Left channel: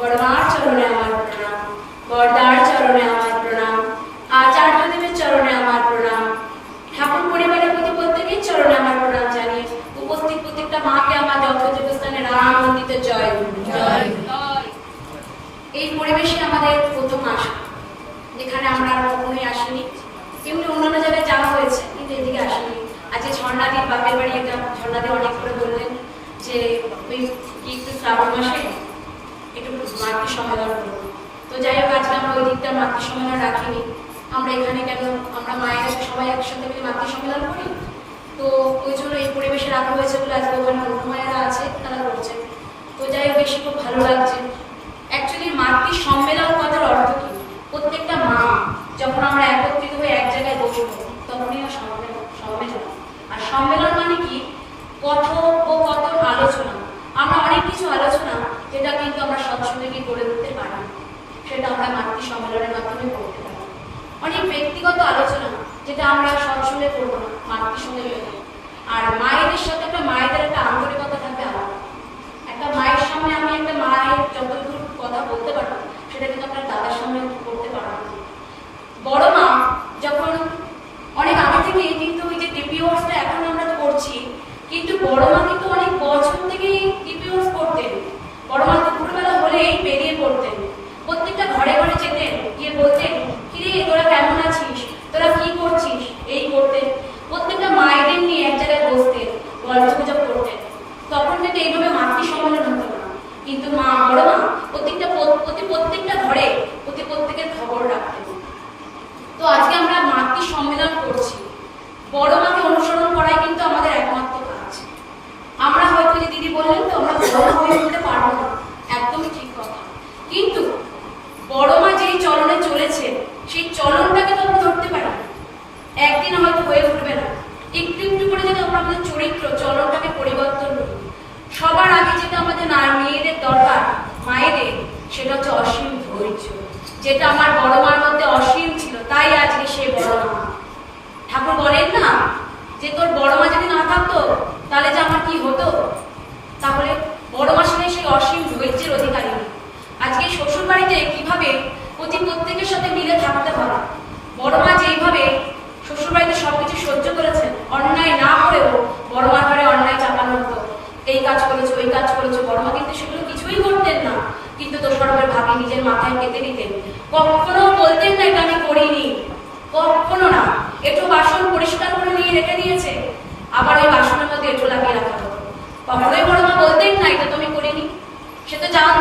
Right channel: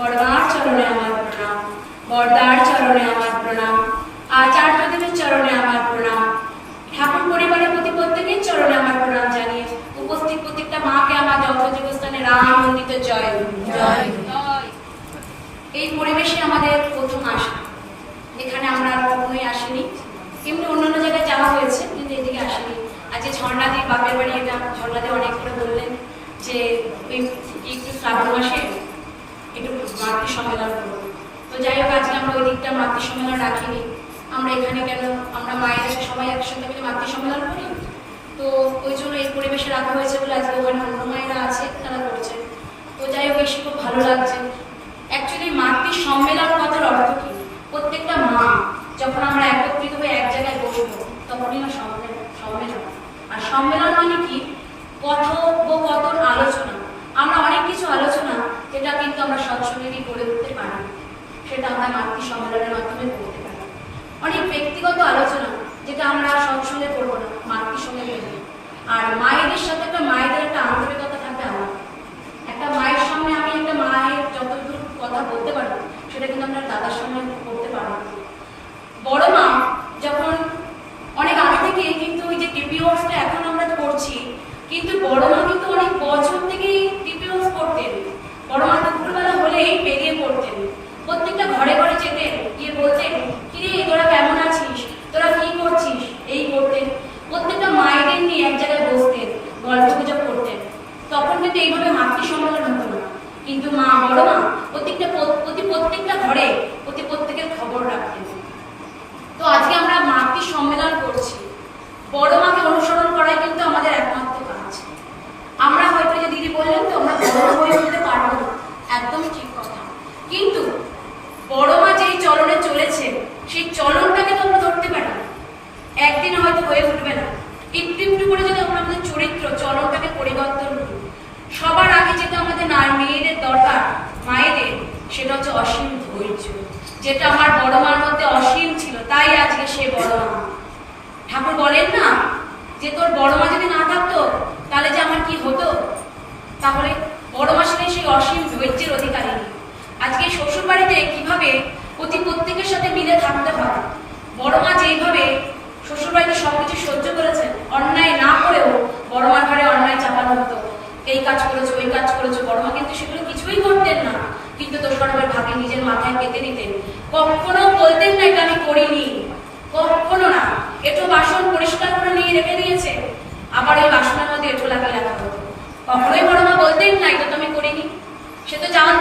বড়মার চরণে আমার প্রণাম, বড়দার চরণে আমার প্রণাম, আচার্যদেবের চরণে আমার প্রণাম, ঠাকুর পরিবারের প্রতি প্রত্যেকের চরণে আমার প্রণাম জানিয়ে উপস্থিত প্রত্যেকটা মাকে আমার যথাযোগ্য স্থানে রাম মন্দিতে জয় জয়। এই পরিবেশে আমাদের প্রথম আসা, এখানে আমরা আর কখনোই আসিনি। এমনি অন্যান্য জায়গায় যাওয়া হয়েছে, কিন্তু এদিকে আসিনি। আজকে ঝর্ণাদির বাপের বাড়ি, এটা ঝর্ণাদি অনেক করে বললেন যে একটু শ্রাবণ মাসে একটু মাতৃ সম্মেলন করবো। তো যাই হোক, আজকে আমরা ওই দিকটা মাতৃ সম্মেলন রাখিনি। আমরা এখানে কেন, আমরা মায়ের কাছে সবাই একসাথে মিলে মাতৃ সম্মেলন করি, তো ওই জন্য এই পরিবেশে রাখা হয়েছে বলে আজকে ওখানে অন্য মায়েরা আছে, তারা করছে। তো যাই হোক, এসে খুব ভালো লাগছে। অ্যাকচুয়ালি মাতৃ সম্মেলন কথার অর্থ কি? প্রত্যেকটা মা যখন আমরা একত্রিত হয়ে এক জায়গায় বসবো, তখনই সম্মেলন। আর সম্মেলন মানে কি? কথোপকথন, আলোচনা। আমরা অনেক কিছু আলোচনা যেটা কিন্তু আমরা সৎসঙ্গে গিয়ে করে উঠতে পারি, সেটা আমরা মাতৃ সম্মেলনের মাধ্যমে করতে পারি। অনেক ব্যক্তিগত আলোচনা যেটা আমরা সৎসঙ্গে করবো না, মাতৃ সম্মেলনে। আর মায়েদের সাথে মায়েদের একটা আন্তরিকতা থাকবে আলাদা। একটা মায়ের সামনে আমি একটা মায়ের যতদূর কথা বলতে পারবো, সেটা কিন্তু আমরা দাদার সামনে করতে পারবো। বড় মা যখন অনেক আগে থেকে কিন্তু ওই যে টিপিওসটা এখন আমরা করছি, কিন্তু বড় মা কিন্তু অনেক বছর থেকেই টিপিওস করতেন। বড় মা দুপুরবেলা হলেই বেরিয়ে পড়তেন, প্রত্যেকটা ঘরে ঘরে যেতেন, গিয়ে বলতেন, কিরে তোরা কেমন আছিস, তোরা কি করছিস, এই করতেন। প্রত্যেকটা মায়েদের নিয়ে এক জায়গায় বসতেন, গল্প গুজব করতেন। তখন কিন্তু এইভাবে মাতৃ সম্মেলন হতো না, কিন্তু মা বড় মা প্রত্যেকটা ঘরে প্রত্যেকের খবর রাখতেন। তো আজকে আমরা মাতৃ সম্মেলন করছি, বড় মাকে অনুসরণ করাই কিন্তু আমাদের একমাত্র কাজ। আমরা হয়তো যে দিদি বললেন তো আমরা বড় হয়ে উঠতে পারবো না, একদমই ঠিক কথা, কিন্তু বড় মা যেই চলনে চলেছে সেই চলনটাকে তো আমরা ধরতে পারি। একদিন হয়তো হয়ে উঠবে না, একটু একটু করে যদি আমরা আমাদের চরিত্র চলনটাকে পরিবর্তন করি। সবার আগে যেটা আমাদের মেয়েদের দরকার, মায়েদের, সেটা হচ্ছে অসীম ধৈর্য, যেটা আমার বড় মার মধ্যে অসীম ছিল, তাই আজকে সে বড় মা। ঠাকুর বলেন না যে তোর বড় মা যদি না থাকতো তাহলে যে আমার কি হতো? তাহলে বড় মা ছিলেন সেই অসীম ধৈর্যের অধিকারিণী। আজকে শ্বশুর বাড়িতে কিভাবে প্রত্যেকের সাথে মিলে থাকতে হয়, বড় মা যেইভাবে শ্বশুর বাড়িতে সবকিছু সহ্য করেছেন, অন্যায় না করেও বড় মার ঘরে অন্যায় চাপানো হতো, এই কাজ করেছো ওই কাজ করেছো, বড় মা কিন্তু সেগুলো কিছুই করতেন না, কিন্তু দোষারোপের ভাগে নিজের মাথায় পেতে দিতেন। কখনো বলতেন না এটা আমি করিনি, কখনো না। এঁটো বাসন পরিষ্কার করে নিয়ে রেখে দিয়েছে, আবার এই বাসনের মধ্যে এঁটো লাগিয়ে রাখা হতো। কখনোই বড় মা বলতেন না এটা তো আমি করিনি। সে জান